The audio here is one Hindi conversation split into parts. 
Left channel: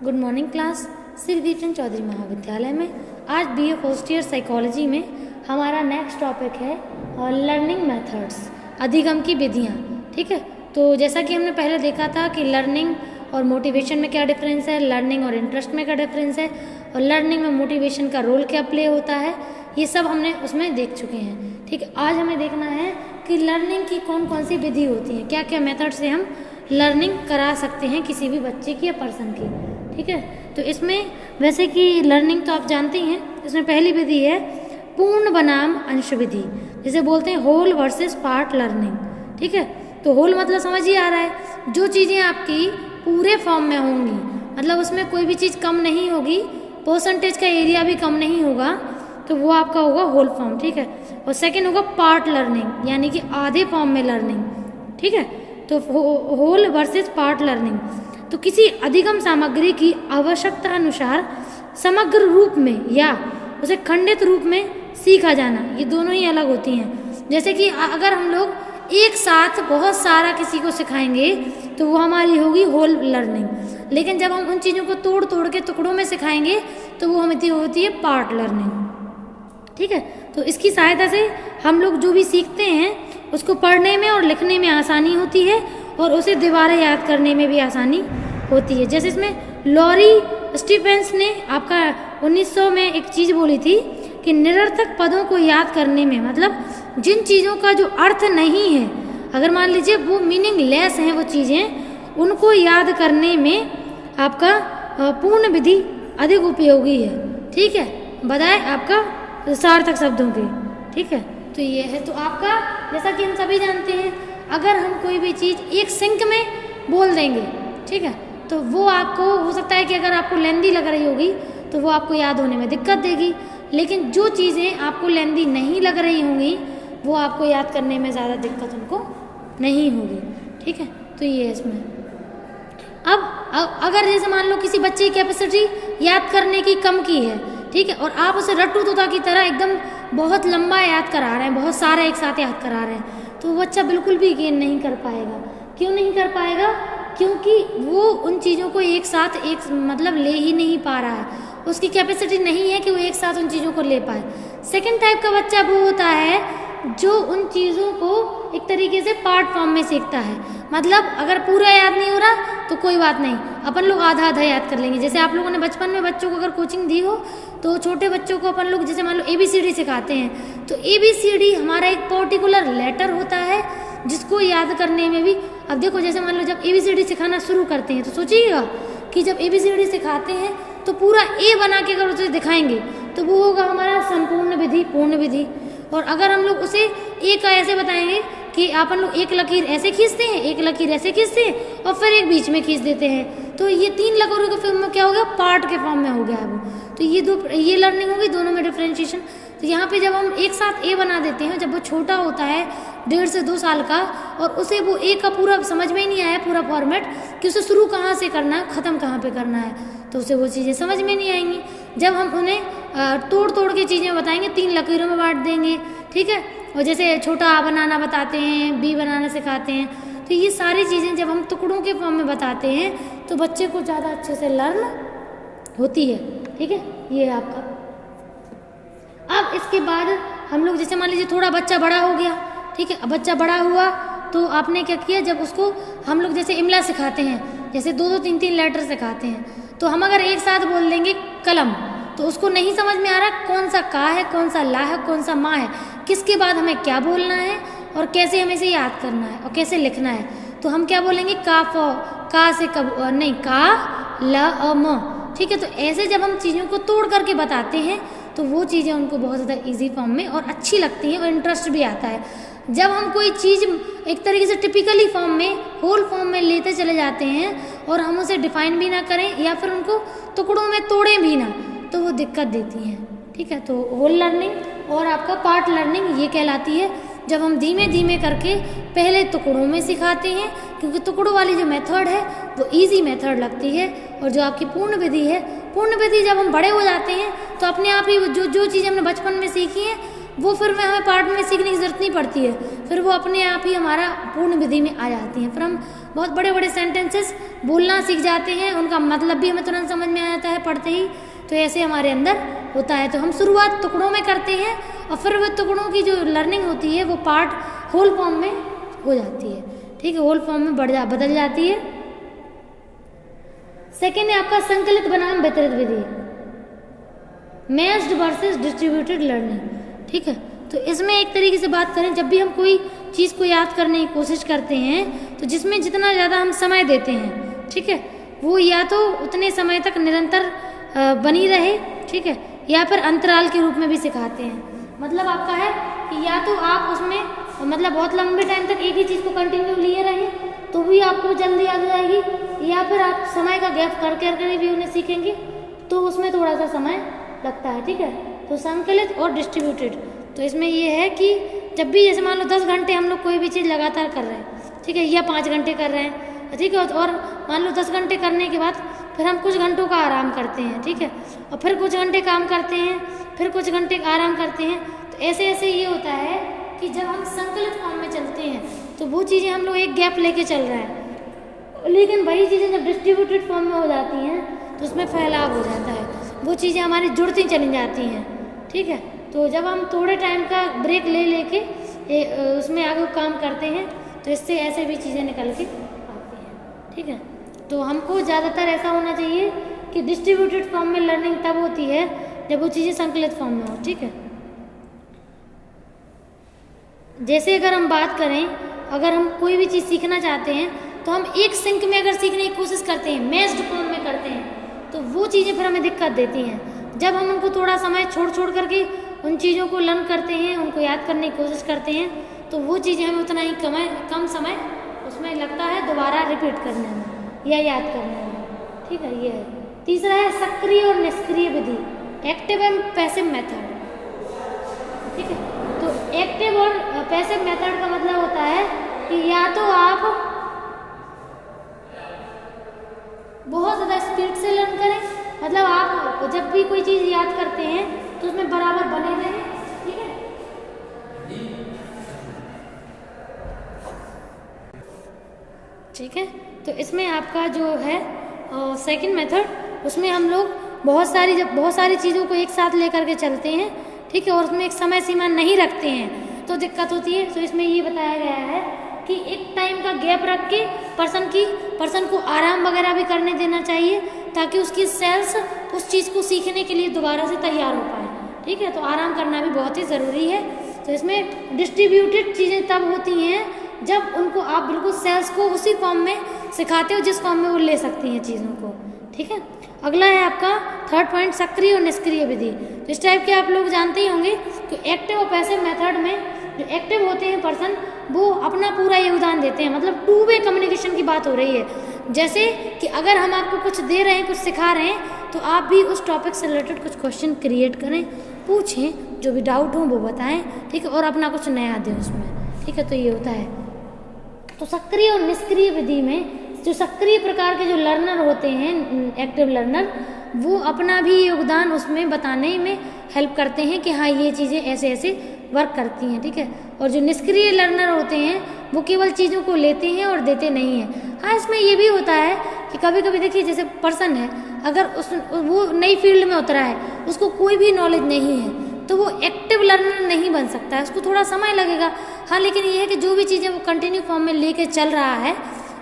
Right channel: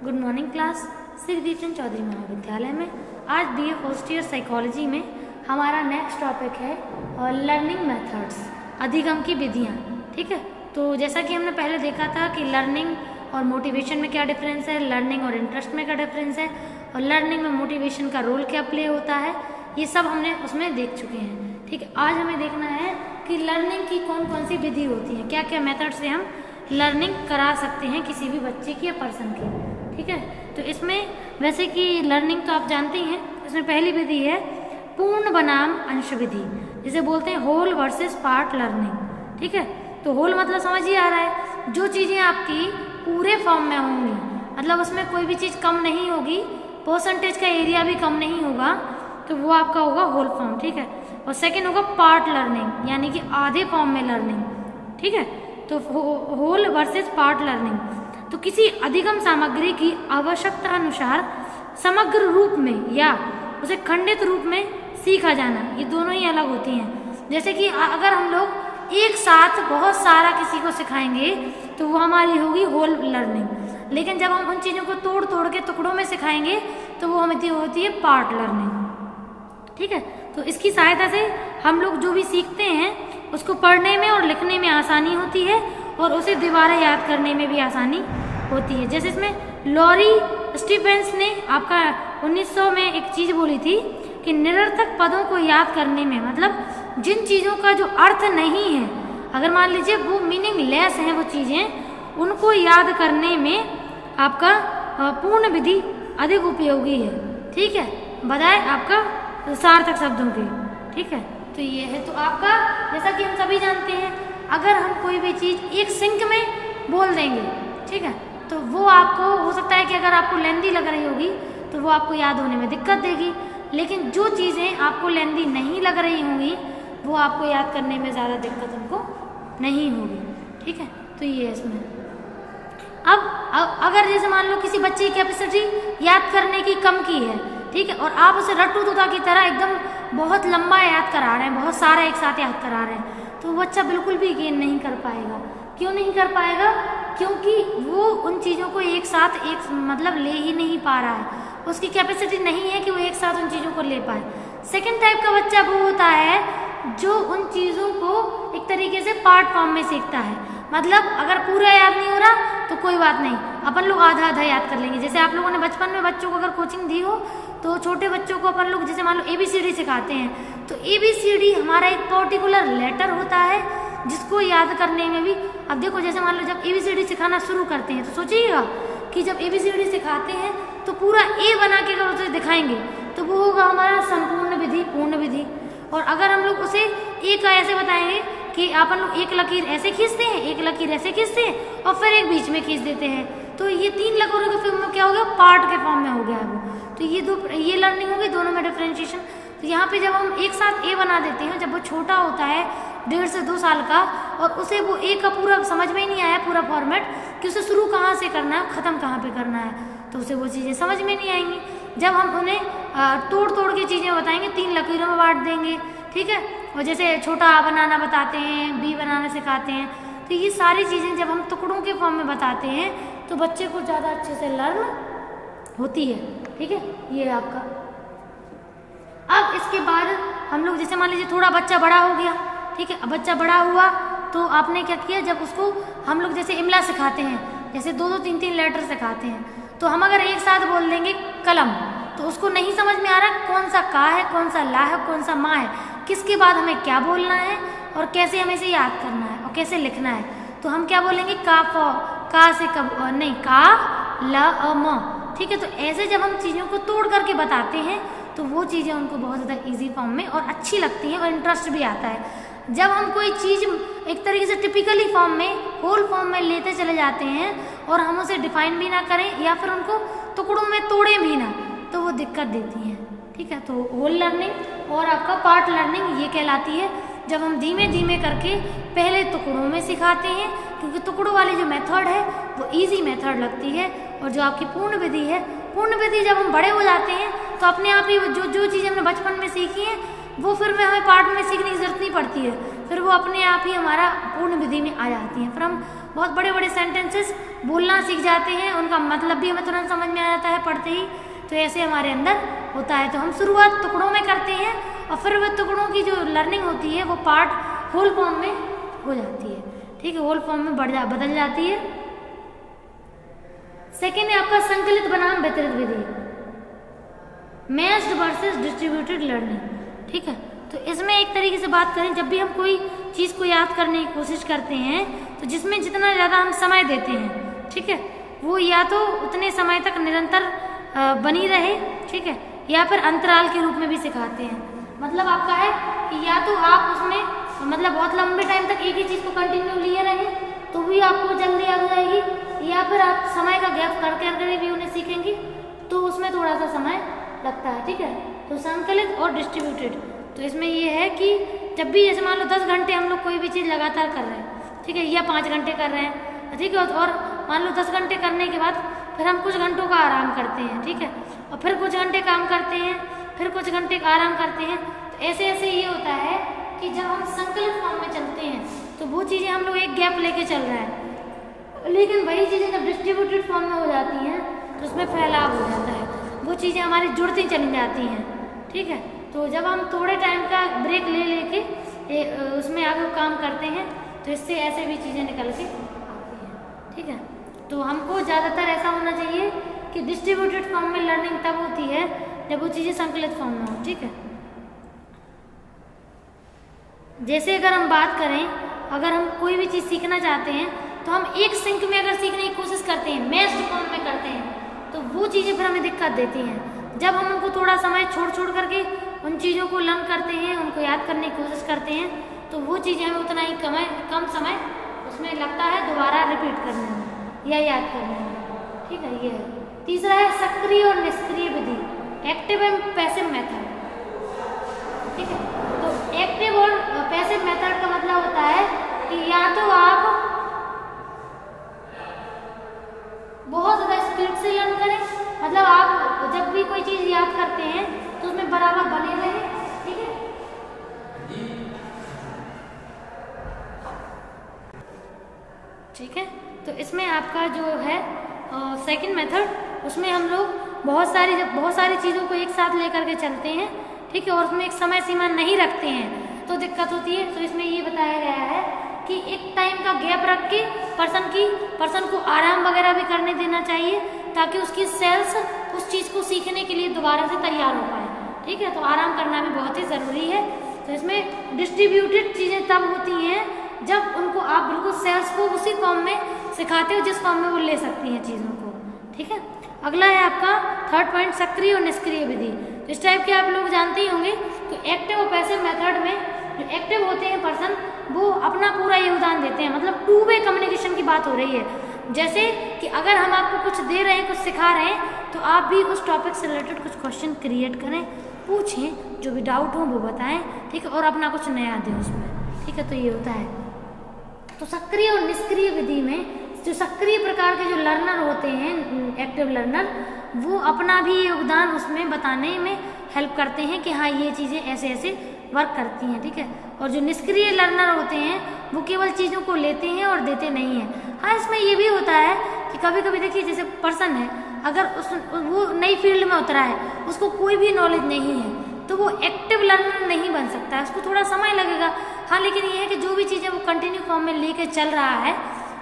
Good morning class. Shri Deepchand Chaudhary महाविद्यालय में आज बीए फर्स्ट ईयर साइकोलॉजी में हमारा नेक्स्ट टॉपिक है लर्निंग मेथड्स, अधिगम की विधियाँ। ठीक है, तो जैसा कि हमने पहले देखा था कि लर्निंग और मोटिवेशन में क्या डिफरेंस है, लर्निंग और इंटरेस्ट में क्या डिफरेंस है, और लर्निंग में मोटिवेशन का रोल क्या प्ले होता है, ये सब हमने उसमें देख चुके हैं। ठीक है, आज हमें देखना है कि लर्निंग की कौन कौन सी विधि होती है, क्या क्या मेथड से हम लर्निंग करा सकते हैं किसी भी बच्चे की या पर्सन की। ठीक है, तो इसमें वैसे कि लर्निंग तो आप जानते ही हैं, इसमें पहली विधि है पूर्ण बनाम अंश विधि, जिसे बोलते हैं होल वर्सेस पार्ट लर्निंग। ठीक है, तो होल मतलब समझ ही आ रहा है, जो चीज़ें आपकी पूरे फॉर्म में होंगी, मतलब उसमें कोई भी चीज़ कम नहीं होगी, परसेंटेज का एरिया भी कम नहीं होगा, तो वो आपका होगा होल फॉर्म। ठीक है, और सेकेंड होगा पार्ट लर्निंग, यानी कि आधे फॉर्म में लर्निंग। ठीक है, तो होल वर्सेस पार्ट लर्निंग, तो किसी अधिगम सामग्री की आवश्यकता अनुसार समग्र रूप में या उसे खंडित रूप में सीखा जाना, ये दोनों ही अलग होती हैं। जैसे कि अगर हम लोग एक साथ बहुत सारा किसी को सिखाएंगे तो वो हमारी होगी होल लर्निंग, लेकिन जब हम उन चीज़ों को तोड़ तोड़ के टुकड़ों में सिखाएंगे तो वो हमें होती है पार्ट लर्निंग। ठीक है, तो इसकी सहायता से हम लोग जो भी सीखते हैं उसको पढ़ने में और लिखने में आसानी होती है और उसे दोबारा याद करने में भी आसानी होती है। जैसे इसमें लॉरी स्टीफेंस ने आपका 1900 में एक चीज़ बोली थी कि निरर्थक पदों को याद करने में, मतलब जिन चीज़ों का जो अर्थ नहीं है, अगर मान लीजिए वो मीनिंगलेस हैं वो चीज़ें, उनको याद करने में आपका पूर्ण विधि अधिक उपयोगी है। ठीक है, बजाय आपका सार्थक शब्दों के। ठीक है, तो ये है, तो आपका जैसा कि हम सभी जानते हैं, अगर हम कोई भी चीज़ एक सिंक में बोल देंगे, ठीक है, तो वो आपको हो सकता है कि अगर आपको लेंदी लग रही होगी तो वो आपको याद होने में दिक्कत देगी, लेकिन जो चीज़ें आपको लेंदी नहीं लग रही होंगी वो आपको याद करने में ज़्यादा दिक्कत उनको नहीं होगी। ठीक है, तो ये है इसमें। अब अगर जैसे मान लो किसी बच्चे की कैपेसिटी याद करने की कम की है, ठीक है, और आप उसे रट्टू तोता की तरह एकदम बहुत लंबा याद करा रहे हैं, बहुत सारा एक साथ याद करा रहे हैं, तो वो बच्चा बिल्कुल भी गेन नहीं कर पाएगा। क्यों नहीं कर पाएगा? क्योंकि वो उन चीज़ों को एक साथ मतलब ले ही नहीं पा रहा है, उसकी कैपेसिटी नहीं है कि वो एक साथ उन चीज़ों को ले पाए। सेकंड टाइप का बच्चा वो होता है जो उन चीज़ों को एक तरीके से पार्ट फॉर्म में सीखता है, मतलब अगर पूरा याद नहीं हो रहा तो कोई बात नहीं, अपन लोग आधा आधा याद कर लेंगे। जैसे आप लोगों ने बचपन में बच्चों को अगर कोचिंग दी हो तो छोटे बच्चों को अपन लोग जैसे मान लो ABCD सिखाते हैं, तो ABCD हमारा एक पर्टिकुलर लेटर होता है जिसको याद करने में भी, अब देखो जैसे मान लो जब ABCD सिखाना शुरू करते हैं तो सोचिएगा कि जब ABCD सिखाते हैं तो पूरा A बना के अगर उसे दिखाएंगे तो वो होगा हमारा संपूर्ण विधि, पूर्ण विधि। और अगर हम लोग उसे A का ऐसे बताएंगे कि अपन लोग एक लकीर ऐसे खींचते हैं, एक लकीर ऐसे खींचते हैं और फिर एक बीच में खींच देते हैं, तो ये 3 लकीरों के फॉर्म में क्या हो गया, पार्ट के फॉर्म में हो गया है वो। तो ये लर्निंग होगी, दोनों में डिफरेंशिएशन। तो यहाँ पे जब हम एक साथ A बना देते हैं, जब वो छोटा होता है 1.5 से 2 साल का और उसे वो A का पूरा समझ में ही नहीं आया पूरा फॉर्मेट कि उसे शुरू कहाँ से करना है, ख़त्म कहाँ पे करना है, तो उसे वो चीज़ें समझ में नहीं आएंगी। जब हम उन्हें तोड़ तोड़ के चीज़ें बताएंगे, 3 लकीरों में बांट देंगे, ठीक है, और जैसे छोटा A बनाना बताते हैं, B बनाना सिखाते हैं, तो ये सारी चीज़ें जब हम टुकड़ों के फॉर्म में बताते हैं तो बच्चे को ज़्यादा अच्छे से लर्न होती है। ठीक है, ये है आपका। अब इसके बाद हम लोग जैसे मान लीजिए थोड़ा बच्चा बड़ा हो गया, ठीक है, अब बच्चा बड़ा हुआ तो आपने क्या किया, जब उसको हम लोग जैसे इमला सिखाते हैं, जैसे 2-2 3-3 लेटर सिखाते हैं, तो हम अगर एक साथ बोल देंगे कलम तो उसको नहीं समझ में आ रहा कौन सा का है, कौन सा ला है, कौन सा माँ है, किसके बाद हमें क्या बोलना है और कैसे हमें इसे याद करना है और कैसे लिखना है। तो हम क्या बोलेंगे, का से कब नहीं, का ला अ म। ठीक है, तो ऐसे जब हम चीज़ों को तोड़ करके बताते हैं तो वो चीज़ें उनको बहुत ज़्यादा इजी फॉर्म में और अच्छी लगती हैं और इंटरेस्ट भी आता है। जब हम कोई चीज़ एक तरीके से टिपिकली फॉर्म में, होल फॉर्म में लेते चले जाते हैं और हम उसे डिफाइन भी ना करें या फिर उनको टुकड़ों में तोड़ें भी ना, तो वो दिक्कत देती हैं। ठीक है, तो होल लर्निंग और आपका पार्ट लर्निंग ये कहलाती है जब हम धीमे धीमे करके पहले टुकड़ों में सिखाते हैं, क्योंकि टुकड़ों वाली जो मेथड है वो इजी मेथड लगती है, और जो आपकी पूर्ण विधि है, पूर्ण विधि जब हम बड़े हो जाते हैं तो अपने आप ही जो चीज़ें हमने बचपन में सीखी हैं वो फिर में हमें पार्ट में सीखने की जरूरत नहीं पड़ती है, फिर वो अपने आप ही हमारा पूर्ण विधि में आ जाती हैं। फिर हम बहुत बड़े बड़े सेंटेंसेस बोलना सीख जाते हैं, उनका मतलब भी हमें तुरंत समझ में आ जाता है पढ़ते ही। तो ऐसे हमारे अंदर होता है। तो हम शुरुआत टुकड़ों में करते हैं और फिर वो टुकड़ों की जो लर्निंग होती है वो पार्ट होल फॉर्म में हो जाती है। ठीक है, होल फॉर्म में बदल जाती है। सेकेंड है आपका संकलित बनाम वितरित विधि, मैच्ड वर्सेस डिस्ट्रीब्यूटेड लर्निंग। ठीक है, तो इसमें एक तरीके से बात करें, जब भी हम कोई चीज़ को याद करने की कोशिश करते हैं तो जिसमें जितना ज़्यादा हम समय देते हैं, ठीक है, वो या तो उतने समय तक निरंतर बनी रहे, ठीक है, या फिर अंतराल के रूप में भी सिखाते हैं। मतलब आपका है कि या तो आप उसमें मतलब बहुत लंबे टाइम तक एक ही चीज़ को कंटिन्यू लिए रहें तो भी आपको जल्दी याद हो जाएगी, या फिर आप समय का गैप करके भी उन्हें सीखेंगे तो उसमें थोड़ा सा समय लगता है। ठीक है, तो संकलित और डिस्ट्रीब्यूटेड, तो इसमें ये है कि जब भी जैसे मान लो 10 घंटे हम लोग कोई भी चीज़ लगातार कर रहे हैं, ठीक है, या 5 घंटे कर रहे हैं, ठीक है, और मान लो 10 घंटे करने के बाद फिर हम कुछ घंटों का आराम करते हैं, ठीक है, और फिर कुछ घंटे काम करते हैं, फिर कुछ घंटे आराम करते हैं। तो ऐसे ऐसे ये होता है कि जब हम संकलित फॉर्म में चलते हैं तो वो चीज़ें हम लोग एक गैप लेके चल रहे हैं, लेकिन वही चीज़ें जब डिस्ट्रीब्यूटेड फॉर्म में हो जाती हैं तो उसमें फैलाव हो जाता है, वो चीज़ें हमारी जुड़ती चली जाती हैं। ठीक है, तो जब हम थोड़े टाइम का ब्रेक ले लेके उसमें आगे काम करते हैं तो इससे ऐसे भी चीज़ें निकल के आती हैं। ठीक है, तो हमको ज़्यादातर ऐसा होना चाहिए कि डिस्ट्रीब्यूटेड फॉर्म में लर्निंग तब होती है जब वो चीज़ें संकलित फॉर्म में हो। ठीक है, जैसे अगर हम बात करें, अगर हम कोई भी चीज़ सीखना चाहते हैं तो हम एक सिंक में अगर सीखने की कोशिश करते हैं, मैच्ड फॉर्म में करते हैं, तो वो चीज़ें फिर हमें दिक्कत देती हैं। जब हम उनको थोड़ा समय छोड़ करके उन चीज़ों को लर्न करते हैं, उनको याद करने की कोशिश करते हैं, तो वो चीज़ें हमें उतना ही कम समय उसमें लगता है दोबारा रिपीट करने में या याद करने में। ठीक है, ये है। तीसरा है सक्रिय और निष्क्रिय विधि, एक्टिव एंड पैसिव मेथड। ठीक है, तो एक्टिव और पैसिव मेथड का मतलब होता है कि या तो आप बहुत ज़्यादा स्पीड से लर्न करें, मतलब आप जब भी कोई चीज़ याद करते हैं तो उसमें बराबर बने रहें। ठीक है, ठीक है, तो इसमें आपका जो है सेकंड मेथड, उसमें हम लोग बहुत सारी चीज़ों को एक साथ लेकर के चलते हैं। ठीक है, और उसमें एक समय सीमा नहीं रखते हैं तो दिक्कत होती है। तो इसमें ये बताया गया है कि एक टाइम का गैप रख के पर्सन को आराम वगैरह भी करने देना चाहिए ताकि उसकी सेल्स उस चीज़ को सीखने के लिए दोबारा से तैयार हो पाए। ठीक है, तो आराम करना भी बहुत ही ज़रूरी है। तो इसमें डिस्ट्रीब्यूटेड चीज़ें तब होती हैं जब उनको आप बिल्कुल सेल्स को उसी फॉर्म में सिखाते हो जिस फॉर्म में वो ले सकती हैं चीज़ों को। ठीक है, अगला है आपका थर्ड पॉइंट, सक्रिय और निष्क्रिय विधि। तो इस टाइप के आप लोग जानते ही होंगे कि एक्टिव और पैसिव मेथड में जो एक्टिव होते हैं पर्सन, वो अपना पूरा योगदान देते हैं, मतलब 2 वे कम्युनिकेशन की बात हो रही है। जैसे कि अगर हम आपको कुछ दे रहे हैं, कुछ सिखा रहे हैं, तो आप भी उस टॉपिक से रिलेटेड कुछ क्वेश्चन क्रिएट करें, पूछें, जो भी डाउट हो वो बताएं। ठीक है, और अपना कुछ नया दें उसमें। ठीक है, तो ये होता है। तो सक्रिय और निष्क्रिय विधि में जो सक्रिय प्रकार के जो लर्नर होते हैं, एक्टिव लर्नर, वो अपना भी योगदान उसमें बताने में हेल्प करते हैं कि हाँ ये चीज़ें ऐसे ऐसे वर्क करती हैं। ठीक है, और जो निष्क्रिय लर्नर होते हैं वो केवल चीज़ों को लेते हैं और देते नहीं हैं। हाँ, इसमें ये भी होता है कि कभी कभी देखिए, जैसे पर्सन है, अगर वो नई फील्ड में उतरा है, उसको कोई भी नॉलेज नहीं है, तो वो एक्टिव लर्नर नहीं बन सकता है, उसको थोड़ा समय लगेगा। हाँ, लेकिन ये है कि जो भी चीज़ें वो कंटिन्यू फॉर्म में लेके चल रहा है,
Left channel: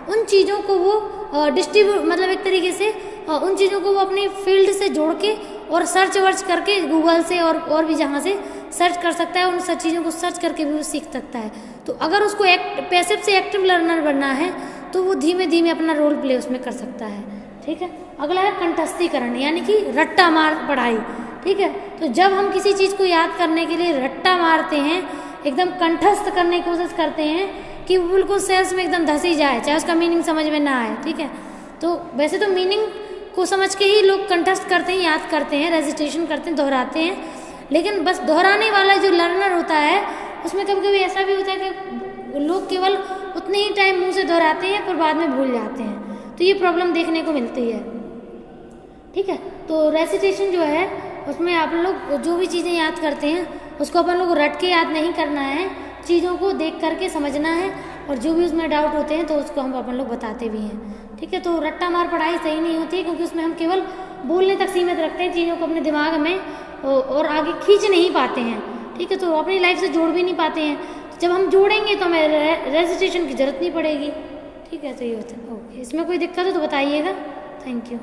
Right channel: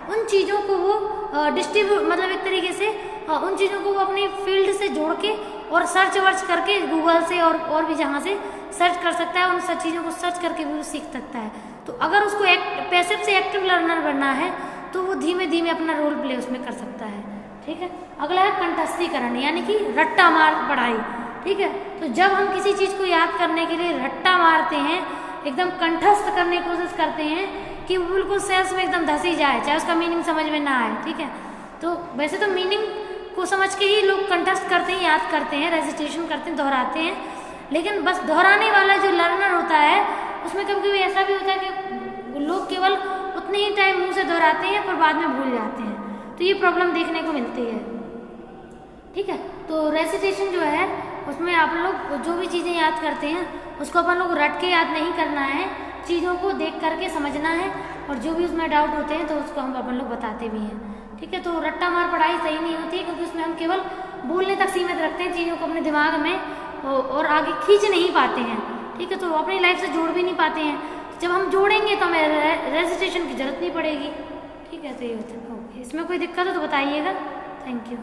उन चीज़ों को वो डिस्ट्रीब्यूट, मतलब एक तरीके से उन चीज़ों को वो अपनी फील्ड से जोड़ के और सर्च वर्च करके गूगल से और भी जहाँ से सर्च कर सकता है, उन सब चीज़ों को सर्च करके भी वो सीख सकता है। तो अगर उसको पैसिव से एक्टिव लर्नर बनना है तो वो धीमे धीमे अपना रोल प्ले उसमें कर सकता है। ठीक है, अगला है कंठस्थीकरण, यानी कि रट्टा मार पढ़ाई। ठीक है, तो जब हम किसी चीज़ को याद करने के लिए रट्टा मारते हैं, एकदम कंठस्थ करने की कोशिश करते हैं कि वो बिल्कुल सेल्स में एकदम धसी जाए, चाहे उसका मीनिंग समझ में ना आए। ठीक है, तो वैसे तो मीनिंग को समझ के ही लोग कंठस्थ करते हैं, याद करते हैं, रेजिटेशन करते हैं, दोहराते हैं, लेकिन बस दोहराने वाला जो लर्नर होता है उसमें कभी कभी ऐसा भी होता है कि लोग केवल उतने ही टाइम मुंह से दोहराते हैं पर बाद में भूल जाते हैं, तो ये प्रॉब्लम देखने को मिलती है। ठीक है, तो रेसिटेशन जो है उसमें आप लोग जो भी चीज़ें याद करते हैं उसको अपन लोग रट के याद नहीं करना है, चीज़ों को देख करके समझना है, और जो भी उसमें डाउट होते हैं तो उसको हम अपन लोग बताते भी हैं। ठीक है, तो रट्टा मार पढ़ाई सही नहीं होती है, क्योंकि उसमें हम केवल बोलने तक सीमित रखते हैं चीज़ों को अपने दिमाग में, और आगे खींच नहीं पाते हैं। ठीक है, तो अपनी लाइफ से जोड़ भी नहीं पाते हैं। जब हम जोड़ेंगे तो हमें रेजिस्ट्रेशन की जरूरत नहीं पड़ेगी। ठीक है, तो ये होता है। ओके, इसमें कोई दिक्कत हो तो बताइएगा। Thank you.